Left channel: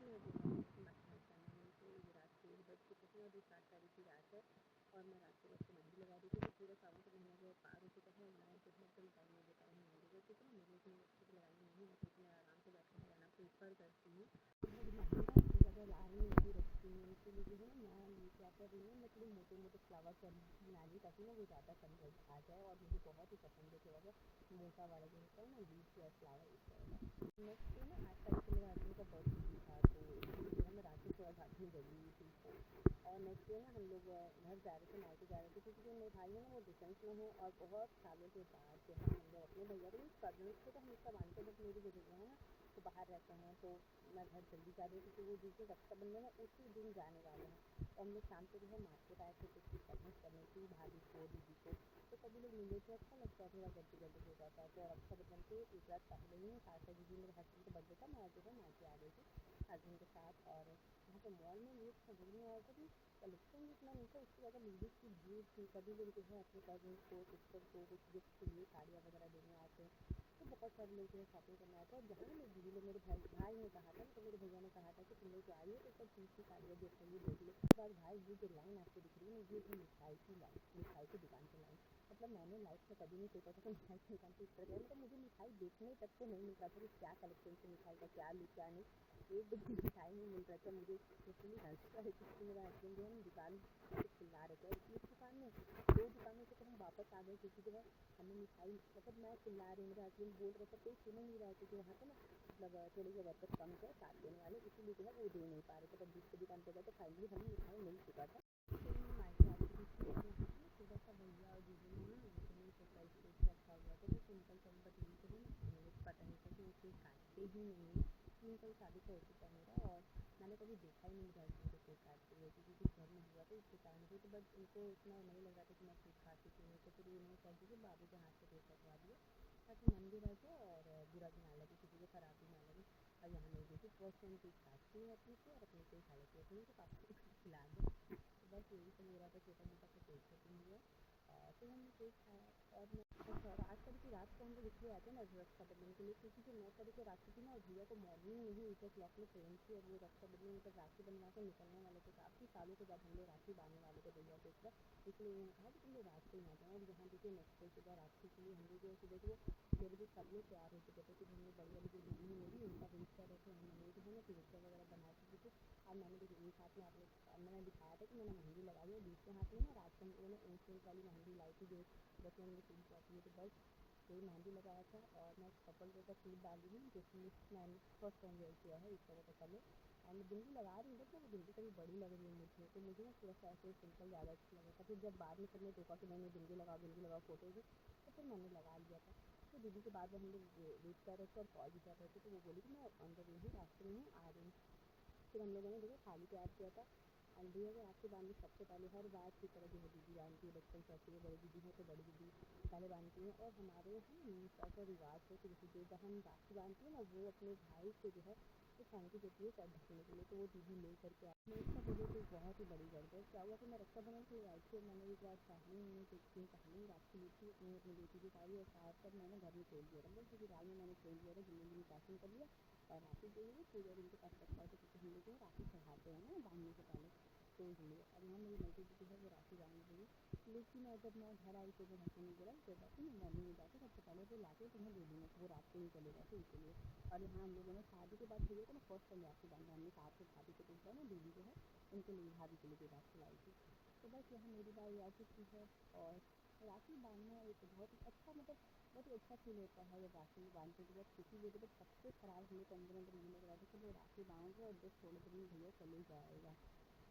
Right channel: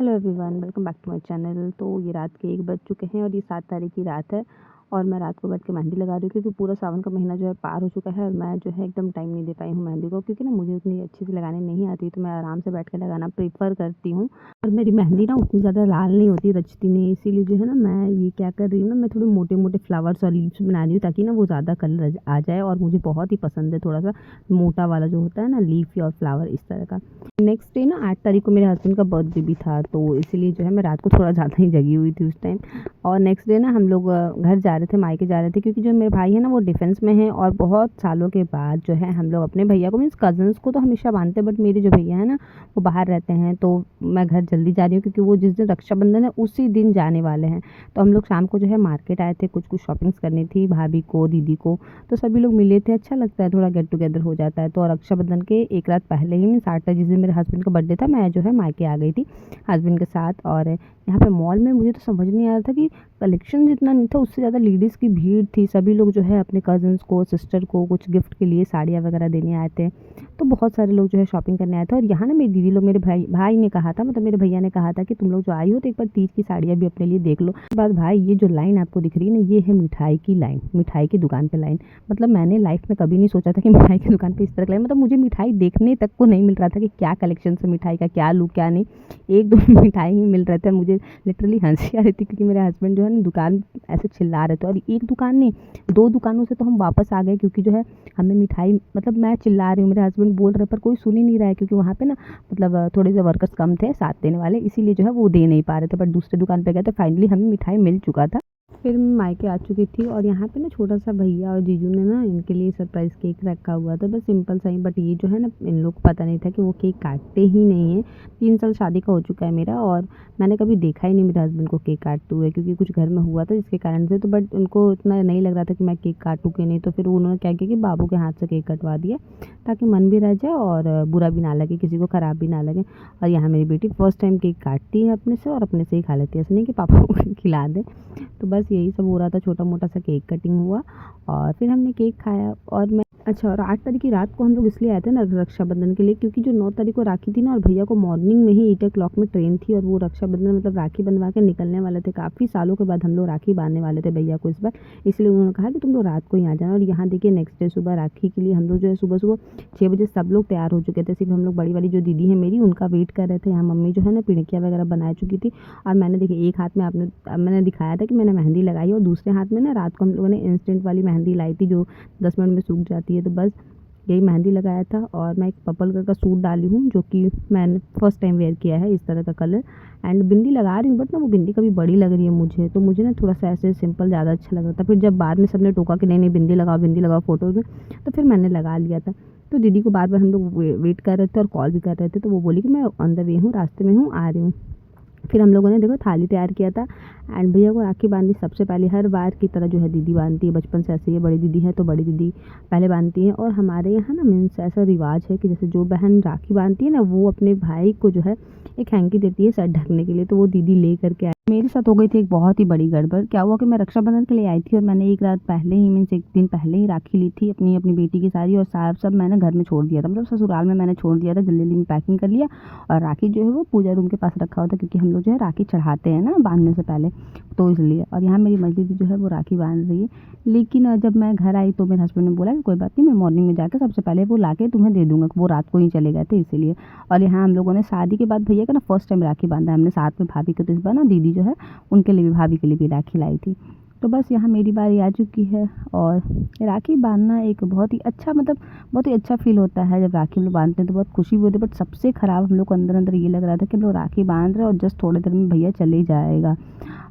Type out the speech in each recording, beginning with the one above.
Hello everyone, welcome back to my channel. तो ये रात के 1 बज चुके हैं और ये 7 तारीख की रात है और मैं रात को बैठ के मेहंदी लगा रही थी। क्योंकि पूरा सावन का महीना जो है पार हो चुका है और मैं जो है एकदम टाइम नहीं दे पाई हूँ मेहंदी को, क्योंकि ना मुझे उतनी अच्छे से लगाने नहीं आती, तो मैं आराम से बैठ के लगाना प्रेफ़र करती हूँ। और मेरी मेहंदी ना उतनी ज़्यादा लाल नहीं होती, रचती नहीं, इसीलिए जो है ना मैं ये क्या कर रही हूँ ना, मैं थोड़े मोटे-मोटे फ्लावर्स और लीव्स बना रही हूँ ताकि ना वो ज़्यादा कलर आ जाए। और मुझे बहुत ही पसंद है थोड़ा-सा मोटा वाला जो होता है ना लीफ और फ्लावर इस तरह का। नेक्स्ट डे ना 8 तारीख को मेरे हस्बैंड का बर्थडे भी था, तो इसीलिए जो है मैं रात को थोड़ा ज़्यादा ही जगी हुई थी उस टाइम। और नेक्स्ट डे ना हम लोग घर जा रहे थे, मायके जा रहे थे, क्योंकि जो मेरे भाई है ना वो डिफेंस में है और बहुत सालों के बाद जो है हम लोग अपने भैया को, मीन्स कज़न्स को तो हमेशा मानते हैं, बट मेरे जो भैया है ना वो बाहर रहते हैं, तो मैं घर जल्दी जा रही हूँ क्योंकि वो जिस दिन रक्षाबंधन है उसी दिन जाने वाले हैं। तो हम लोग शाम को जो है मार्केट आए थे, कुछ शॉपिंग्स करनी थी भाभी को, दीदी को, तो सभी लोग मिले थे। अच्छा लगता है, थोड़ा गेट टुगेदर हो जाता है। तो रक्षाबंधन के एक रात पहले ही, मीन्स 8 जिस दिन मेरे हस्बैंड का बर्थडे था, मैं जो है मायके आ गई थी हस्बैंड के साथ। और यहाँ पे मॉल में मुझे तो समझ नहीं आ रहा था कि कलेक्शन जितना नहीं था, उससे ज़्यादा लेडीज़ की भीड़ थी। सभी लोग जो है अपने कज़न्स को, सिस्टर को कुछ गिफ्ट के लिए साड़ियाँ वगैरह देने आए थे। तो बहुत सारे लोग जो है शॉपिंग करने आए थे। और यहाँ ना मेरी दीदी लोग, मेरे भाई भाई ने कहा था, मतलब मेरे भैया ने कहा था कि तुम लोग जो आई हो तो एक बार तीज की साड़ियाँ भी अपने लिए देख लो। उसके बाद भाई, ये जो लाइन आपको दिख रही है ना, ये है मिठाई की लाइन, मिठाई की दुकान पे लाइन। मतलब मैंने लाइफ में कभी नहीं सोचा था कि मिठाई की दुकान पे इस तरह का लाइन, मतलब मुझे मिठाई देखने तक को नहीं मिल रहा था कि क्या कलेक्शन है मिठाई का, क्या लूँ क्या नहीं। 1-2 मिठाई ही मिल रहे थे। मुझे लिटरली हंसी आ रही थी क्योंकि मेरे हस्बैंड जो है ना दुकान ऐसे चिल्ला रहे थे। और एक दुकान नहीं, 2 दुकानों से तो हम वापस आ गए, क्योंकि जो है हमें मिठाई, मतलब मैं चिल्ला रही हूँ, मेरे हस्बैंड बोल रहे पर कोई सुन ही नहीं रहा है, क्योंकि वहाँ पे ना मतलब थोड़े से वर्कर्स कम थे साथ देने वाले, इसीलिए जो है वो दे नहीं पा रहे थे। बट दूसरे दुकान पे गए तो फाइनली हमें मिठाई मिल चुका था। फिर मैं मायके आ चुकी थी और यहाँ पे ना छोटा-सा भैया और जीजू ने ना इनके लिए सरप्राइज़ केक रखा हुआ था, बस सिंपल सा ही। बट ये जो है ना, इन लोग को पता नहीं था कि वो केक काटते ही नहीं हैं। 3 साल शादी का हो चुका है मेरा और मैंने कभी देखा ही नहीं मेरे हस्बैंड को केक काटते हुए, क्योंकि कुछ घर में हुआ था जिसके कारण से। तो बट उनको इतना नहीं लग रहा था कि मैं केक काटूँ कि नहीं, तो फिर उन्होंने क्या किया कि बाबू के हाथ से केक कटवा दिया, ताकि मन भी रह जाए और बुरा भी ना लगे, किसी को ख़राब भी ना लगे। और यहाँ मेरी बेटी फर्स्ट टाइम केक काटती है अपने से और अपने से ही खा लेती है, ऐसा नहीं कि पापा को खिला दे। तो बस यही सब हो रहा था, छोटा-मोटा सा केक कटिंग हुआ और फिर हमने केक खाया। और मैं अच्छा, और 8 तारीख की रात को हम लोग इसलिए आए थे ना रक्षाबंधन के लिए, क्योंकि जो 9 तारीख को राखी थी ना, और भैया को मॉर्निंग में ही 8 ओ क्लॉक में ट्रेन थी और वो रक्षाबंधन मतलब राखी बंधवा के निकलने वाले थे। काफ़ी सालों के बाद हम लोग राखी बाँधने वाले थे भैया को इस बार, इसलिए उन्होंने कहा कि तुम लोग रात को ही आ जाना। और यहाँ देखिए नेक्स्ट डे सुबह राखी के लिए हम लोग जो है सुबह-सुबह 6 बजे सब लोग तैयार हो चुके थे। सिर्फ़ हम लोग बड़ी वाली जो दीदी है मेरी, उनका वेट कर रहे थे। यहाँ मम्मी जो है ना पिड़कियाँ वगैरह बना चुकी थी। और मैंने देखिए एक हाथ में मैंने दिखाया था कि मैंने मेहंदी लगाई, और दूसरे हाथ में ना रात को हम लोगों ने इंस्टेंट वाली मेहंदी लाई थी जो 10 मिनट में सूख जाती है। तो बस यही मेहंदी लगाया था। और मैं एक पर्पल कलर का सूट डाली हूँ, जो कि मैंने फर्स्ट टाइम वेयर किया है इस तरह का कलर। एंड बिंदी लगा रही हूँ, बट ना वो बिंदी कभी बड़ी लग रही है मुझे, तो मुझे ना थोड़ा सा ऐसे सिंपल ज़्यादा अच्छा लग रहा था। फिर जब बाद में सबने टोका कि नहीं नहीं बिंदी लगाओ फ़ोटोज़ में, तो फिर मैंने लगा लिया था। तो दीदी को बार बार हम लोग वेट कर रहे थे और कॉल भी कर रहे थे, तो वो बोली कि मैं ऑन द वे हूँ, रास्ते में हूँ, आ रही हूँ। फिर हम लोगों ने देखो थाली तैयार किया था एंड भैया को राखी बांधी। सबसे पहले हर बार की तरह जो है दीदी बांधती है, बचपन से ऐसे ही है, बड़ी दीदी है तो बड़ी दीदी पहले बांधती है। और हमारे यहाँ ना मीन्स ऐसा रिवाज है कि जैसे जो बहन राखी बांधती है ना, वो अपने भाई को जो है एक हैंकी देती है सर ढकने के लिए, तो वो दीदी ले करके आई। मेरे साथ हो गई थी एक बहुत ही बड़ी गड़बड़। क्या हुआ कि मैं रक्षाबंधन के लिए आई थी और मैंने एक रात पहले ही, मीन्स एक दिन पहले ही राखी ली थी अपनी अपनी बेटी की सारी, और सार सब मैंने घर में छोड़ दिया था, मतलब ससुराल में मैंने छोड़ दिया था। जल्दी जल्दी में पैकिंग कर लिया और राखी जो है वो पूजा रूम के पास रखा हुआ था, क्योंकि हम लोग जो है राखी चढ़ाते हैं ना बांधने से पहले, तो इसलिए। और यहाँ मेरी मझली दी जो है वो राखी बांध रही है। लेकिन जब मैं घर आई तो मेरे हस्बैंड ने बोला कि कोई बात नहीं, मैं मॉर्निंग में जाकर सबसे पहले वो लाके तुम्हें दे दूँगा, वो रात को ही चले गए थे इसीलिए। और यहाँ हम लोगों ने शादी के बाद भैया का ना फर्स्ट टाइम राखी बांधा हमने साथ में भाभी को, तो इस बार ना दीदी जो है उनके लिए भी, भाभी के लिए भी राखी लाई थी। तो बस यहाँ मेरी बारी आ चुकी है और राखी बांधना एक बहुत ही अच्छा, मतलब बहुत ही अच्छा फ़ील होता है जब राखी हम लोग बांधते हैं, तो बहुत खुशी भी होती है। बट सबसे ख़राब हम लोग को अंदर अंदर ये लग रहा था कि हम लोग राखी बांध रहे हैं और जस्ट थोड़ी देर में भैया चले ही जाएगा।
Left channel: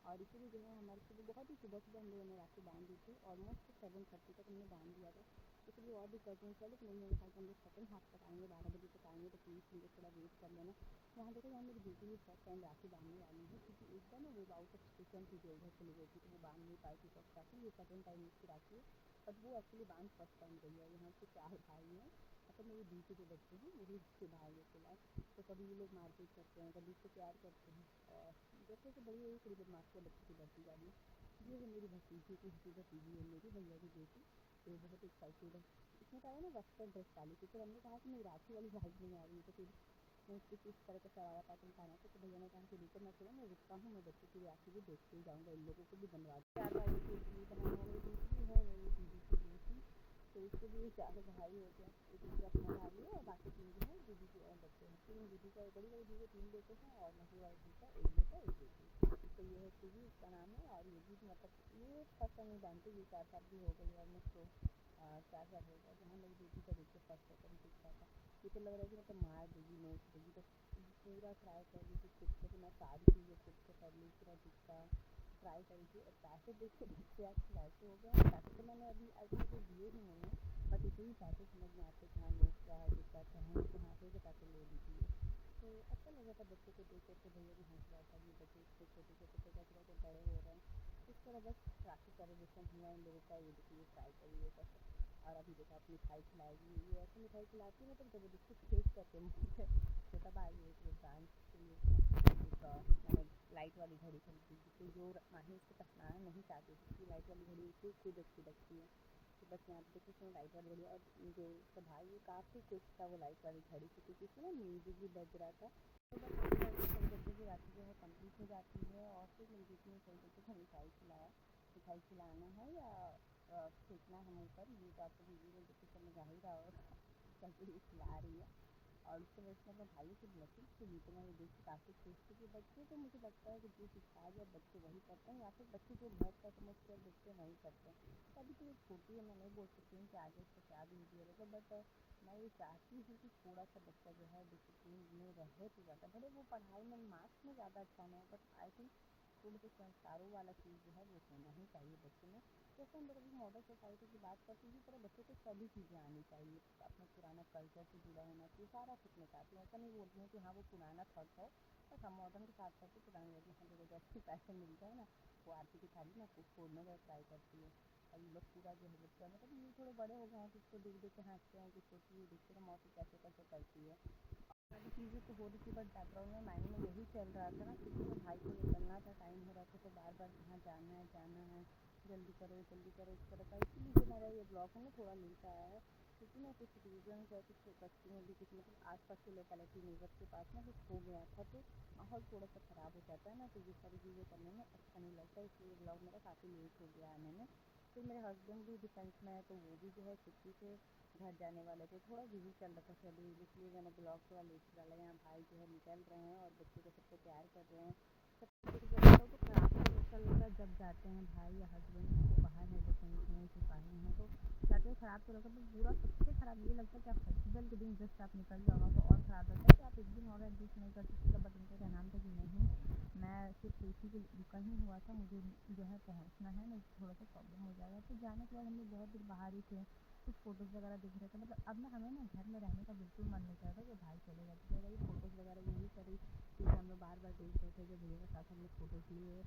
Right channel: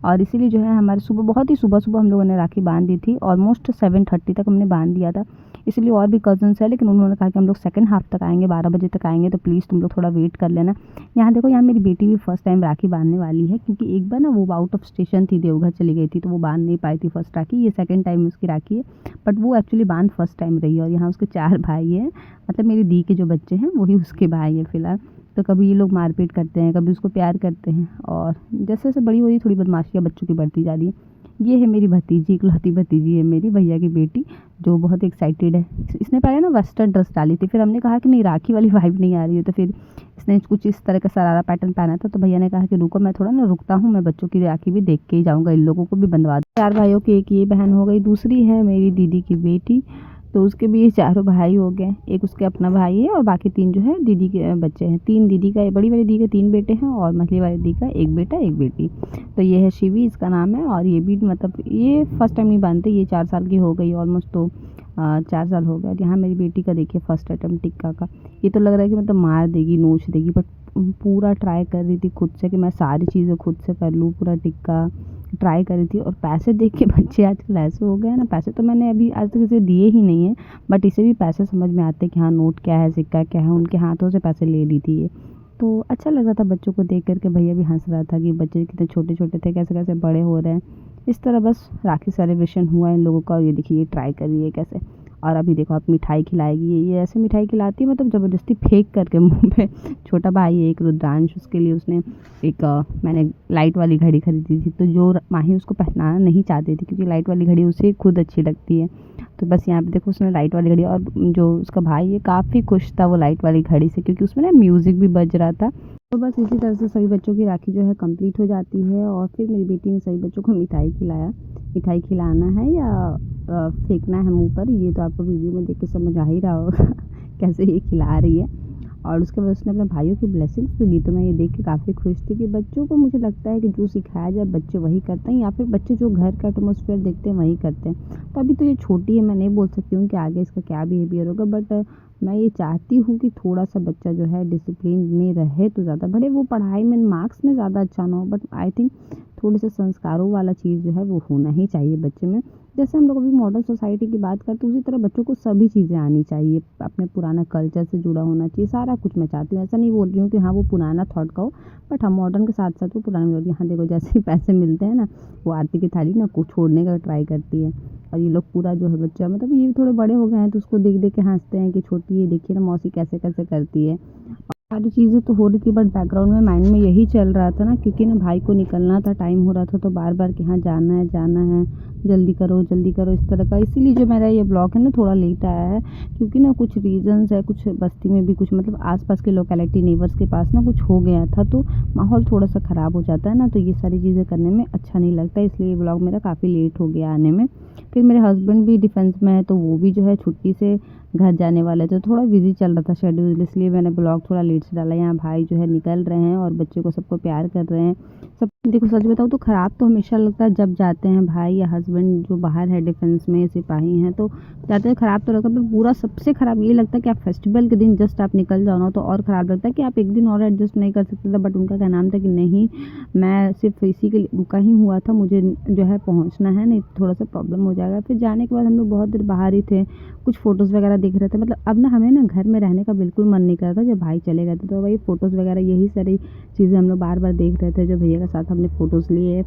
और इसीलिए जो है हमारे सुबह, बहुत ही सुबह-सुबह हम लोगों ने राखी बाँध दी थी। ऑलमोस्ट 7:30 तक हमने बाँध दिया था। इसलिए और भी कज़न्स हैं, लेकिन उन्होंने कहा कि हम लोग सेकंड हाफ़ तक आएँगे, 12 बजे तक आएँगे, तो प्लीज़ तुम लोग थोड़ा वेट कर लेना। यहाँ देखो, यहाँ मेरी बेटी भी फर्स्ट टाइम राखी बाँधने वाली है, क्योंकि एक बार ना वो आउट ऑफ स्टेशन थी, देवघर चली गई थी, तो वो बाँध नहीं पाई थी फर्स्ट राखी। ये सेकंड टाइम उसकी राखी है, बट वो एक्चुअली बाँध फर्स्ट टाइम रही है। और यहाँ उसके 4 भाई हैं, मतलब मेरी दी के जो बच्चे हैं वही उसके भाई हैं फ़िलहाल। तो कभी ये लोग मारपीट करते हैं, कभी उसको प्यार करते हैं, और जैसे-जैसे बड़ी हो रही है थोड़ी बदमाशियाँ बच्चों की बढ़ती जा रही है। ये है मेरी भतीजी, इकलौती भतीजी है मेरी, भैया की बेटी, जो बहुत एक्साइटेड है। इसने पहले ना वेस्टर्न ड्रेस डाली थी, फिर हमने कहा कि नहीं राखी वाली वाइब नहीं आ रही है, तो फिर इसने कुछ इस तरह का शरारा पैटर्न पहना था, तो भैया ने कहा कि रुको मैं थोड़ा ना रुकता हूँ, मैं बच्चों की राखी भी देख के ही जाऊँगा, इन लोगों को भी बंधवा दूँ। 4 भाइयों की एक ये बहन हो गई, दूसरी है मेरी दीदी की बेटी, तो उसके भी ये चारों भाई हो गए। एक उसके अपना भाई है और बाकी 3 जो है दीदी के बच्चे हैं। 3 दीदी का, बड़ी वाली दीदी के 3 बेटे हैं और मझली वाली दीदी का 1 बेटा 1 बेटी। तो ये है शिवी, इसका नाम है, और ये भी मतलब ये फर्स्ट टाइम नहीं बांधते, ये 4 साल की हो गई ऑलमोस्ट, तो 4 साल हो गए। और यहाँ मेरी बेटी का देखिए फर्स्ट अटेम्प्ट टिक्का का। ये तो लग रहा है कि मतलब मार देगी, नोच देगी, बट पूरा ट्राई कर रही थी खुद से कि मैं सारी चीज़ें खुद से कर लूँ, पूरा टिक्का ट्राई करी थी। और पैसे देख के बच्चे आजकल ऐसे हो गए हैं ना, पैसे तो मैंने अभी आज तक इसे दिए ही नहीं है, बट इसे भी पैसे समझ में आते हैं कि हाँ नोट क्या है, सिक्का क्या है, उनके हाथों से पैसे ले ली थी ये। तो अच्छा लग रहा था बच्चों को देख कर के, भैया भी हंस रहा था कि बच्चे कितने छोटे छोटे थे, कैसे कैसे बड़े हो रहे हैं। इस तरह बस राखी सेलिब्रेशन हुआ इन लोगों का, और ये देखिए ये ट्राई कर रही है कैसे। और अभी देखो आप मिठाई खिलाएगी, ये ऐसे मिठाई खिलाती है मतलब ज़बरदस्ती फेंक करके मुंह पे। छोटा भाई है एक रुद्रांश, उसके लिए उसने एक मैंने लाइट वाली घड़ी खरीदी थी, तो जो माही उसको पहनाना नहीं चाहती थी क्योंकि लाइट वाली घड़ी उसे खुद अच्छी लगती है, तो बस यहाँ पे देखो उसने लाइट वाली घड़ी, और जो उसका भाई है काफ़ी खुश था वो लाइट वाली घड़ी से, क्योंकि उसमें ना म्यूज़िक भी बज रहा था। तो बस इसी तरह से सभी बच्चों की राखी जो है कंप्लीट हो जाती है, और फिर मेरी बेटी ने सभी बच्चों को मिठाई खिलाया। मिठाई खिलाना है या फेंकना है मुंह पर, ये तो आपको वीडियो में देख के समझ आ ही रहा होगा कैसे ये खिला रही है। और उसके बाद उसने अपने भाइयों की ब्लेसिंग्स भी ली, तो मैं ये देख के काफ़ी खुश थी कि बच्चों को मुझे लगता है कि जो सिखाया जाए बच्चे वही करते हैं, या फिर बच्चे जो घर का एटमॉस्फेयर देखते हैं वही करते हैं। तो अभी तो ये छोटी है, मैं नहीं बोल सकती हूँ कि आगे इसका क्या बिहेवियर होगा, बट मैं ये चाहती हूँ कि थोड़ा सा बच्चा जो है डिसिप्लिन में रहे तो ज़्यादा, भले वो पढ़ाई में मार्क्स में ज़्यादा अच्छा ना हो, बट आई थिंक थोड़े से संस्कारों वाला चीज़ जो है वो होना ही चाहिए बच्चे में। जैसे हम लोग अभी मॉडर्न सोसाइटी की बात करते हैं, उसी तरह बच्चों को सभी चीज़ें आनी चाहिए, अपने पुराना कल्चर से जुड़ा होना चाहिए, सारा कुछ मैं चाहती हूँ। ऐसा नहीं बोल रही हूँ कि हाँ वो पुराना थॉट का हो, बट हम मॉडर्न के साथ साथ वो पुराना भी हो। हाँ देखो जैसे ही पैसे मिलते हैं ना, वो आरती की थाली ना कुछ छोड़ने का ट्राई करती है, और ये लोग पूरा जो है बच्चा, मतलब ये थोड़े बड़े हो गए हैं तो उसको देख देख के हंसते हैं कि छोटी, ये देखिए ना मौसी कैसे कैसे करती है। सारी चीज़ें तो हो रही थी, बट बैकग्राउंड में माइंड में यही चल रहा था ना, क्योंकि ना भाई को निकलना था, टाइम हो रहा था, तो बार बार कि हाँ जाना है, जल्दी करो इस तरह का। इसीलिए जो मेरा ये ब्लॉग है ना थोड़ा लेट आया है, क्योंकि ना कुछ रीजंस है, कुछ बस्ती में भी कुछ मतलब आसपास के लोकेलिटी नेबर्स के पास ना कुछ हो गया था, तो माहौल थोड़ा सा ख़राब हो जाता है ना, तो ये सारी चीज़ें करने में अच्छा नहीं लगता, इसलिए ये ब्लॉग मेरा काफ़ी लेट हो गया आने में। फिर मेरे हस्बैंड भी डिफेंस में है, तो वो भी जो है छुट्टी से घर जाने वाले थे, थोड़ा बिजी चल रहा था शेड्यूल, इसलिए मैंने ब्लॉग थोड़ा लेट से डाला। यहाँ भाई जो है निकल रहे हैं और बच्चे को सबको प्यार कर रहे हैं सब। देखो सच बताऊँ तो ख़राब तो हमेशा लगता है जब जाते हैं भाई या हस्बैंड जो बाहर है डिफेंस में सिपाही हैं, तो जाते हैं ख़राब तो लगता है, पर पूरा सबसे ख़राब ये लगता है कि आप फेस्टिवल के दिन जस्ट आप निकल जाओ ना, तो और ख़राब लगता है कि आप एक दिन और एडजस्ट नहीं कर सकते थे। बट उनका क्या नाम था कि नहीं, मैं सिर्फ इसी के लिए रुका ही हुआ था, मुझे जो है पहुँचना है, नहीं थोड़ा सा प्रॉब्लम हो जाएगा। फिर जाने के बाद हम लोग बहुत देर बाहर ही थे, कुछ फ़ोटोज़ वगैरह दिख रहे थे, मतलब अब ना हमें ना घर में रहने का बिल्कुल मन नहीं कर रहा था जब भाई चले गए थे, तो वही फ़ोटोज़ वगैरह यही सारी चीज़ें हम लोग बार बार देख रहे थे। जो भैया के साथ हमने फ़ोटोज़ लिए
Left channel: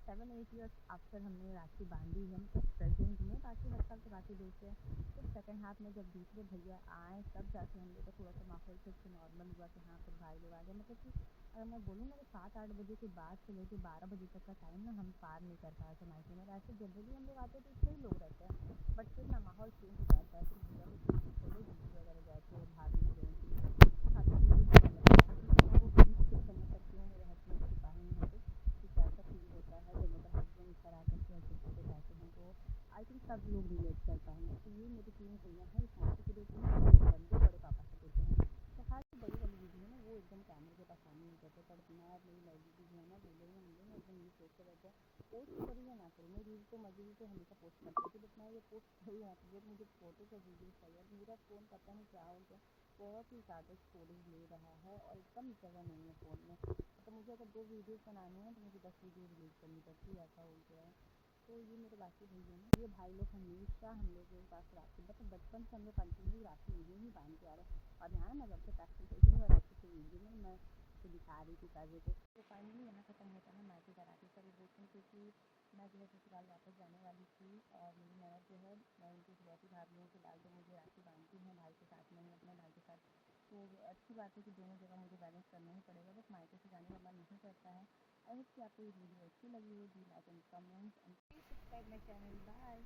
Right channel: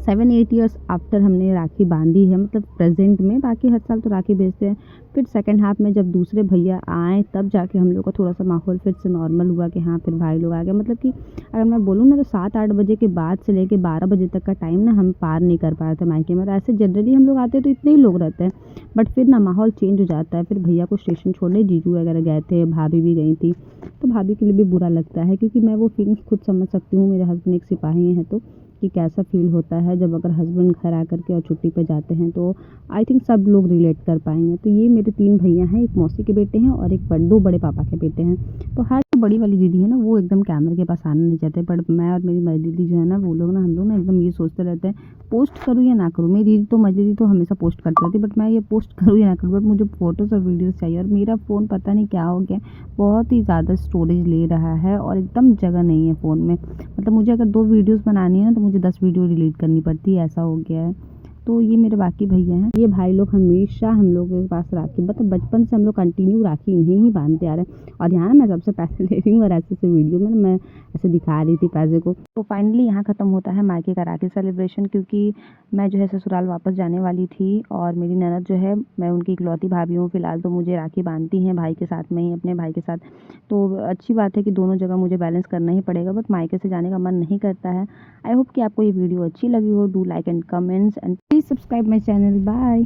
7-8 ईयर्स आफ्टर हमने राखी बांधी है, मतलब प्रेजेंट में, बाकी हर साल तो राखी भेजते हैं। फिर सेकंड हाफ में जब दूसरे भैया आए तब जाके हम लोग का थोड़ा सा माहौल फिर से नॉर्मल हुआ कि हाँ फिर भाई लोग आ गए। मतलब कि अगर मैं बोलूँ ना तो 7-8 बजे के बाद से लेके 12 बजे तक का टाइम ना हम पार नहीं कर पाए थे मायके में। और ऐसे जनरली हम लोग आते हैं तो इतने ही लोग रहते हैं, बट फिर ना माहौल चेंज हो जाता है। फिर भैया को स्टेशन छोड़ने जीजू वगैरह गए थे, भाभी भी गई थी, तो भाभी के लिए भी बुरा लगता है, क्योंकि मैं वो फीलिंग्स खुद समझ सकती हूँ, मेरे हस्बैंड एक सिपाही हैं, तो कि कैसा फ़ील होता है जब अगर हस्बैंड घर आकर के और छुट्टी पे जाते हैं, तो आई थिंक सब लोग रिलेट कर पाएँगे। तो ये मेरे 3 भैया हैं, एक मौसी के बेटे हैं और एक 2 बड़े पापा के बेटे हैं। तो हर जो बड़ी वाली दीदी है ना वो एकदम कैमरे के पास आना नहीं चाहते, बट मैं और मेरी बड़ी दीदी जो है ना वो लोग ना, हम लोग ना एकदम ये सोचते रहते हैं पोस्ट करूँ या ना करूँ। मेरी दीदी तो मझली दीदी तो हमेशा पोस्ट करती रहती है, बट मैं ये पोस्ट करूँ या ना करूँ, बट मुझे फ़ोटोज़ और वीडियोज़ चाहिए। और मेरा फ़ोन पता नहीं क्या हो गया, बहुत ही ज़्यादा स्टोरेज ले रहा है और एकदम जगह नहीं है फ़ोन में। मतलब मुझे अगर 2 वीडियोज़ बनानी है ना तो मुझे 10 वीडियो डिलीट करनी पड़ती है, ऐसा हो गया है। तो ये मेरे बाकी भैया हैं। ये भाई लोग हमेशा हम लोगों के पास राखी, मतलब बचपन से हम लोग कंटिन्यू राखी इन्हें ही बांधते आ रहे हैं। और यहाँ मैं सबसे पैसे ले रही हूँ और ऐसे वीडियो में मैं ऐसे दिखा रही थी पैसे को। तो फाइनली यहाँ ख़त्म होता है मायके का राखी सेलिब्रेशन, क्योंकि मैं जो है ससुराल वापस जाने वाली थी और मेरी ननद जो है, मैं उनकी इकलौती भाभी हूँ फ़िलहाल, तो मुझे राखी बांधती हैं भाई के साथ में ही, अपने भाई के साथ। तो अच्छी बात है कि दोनों जगह मुझे बैलेंस करना ही पड़ेगा, बट मायके से जाने का मन नहीं करता है। आई होप कि आपको ये वीडियो अच्छी लगी हो। Do like and comments and please subscribe my channel. Bye.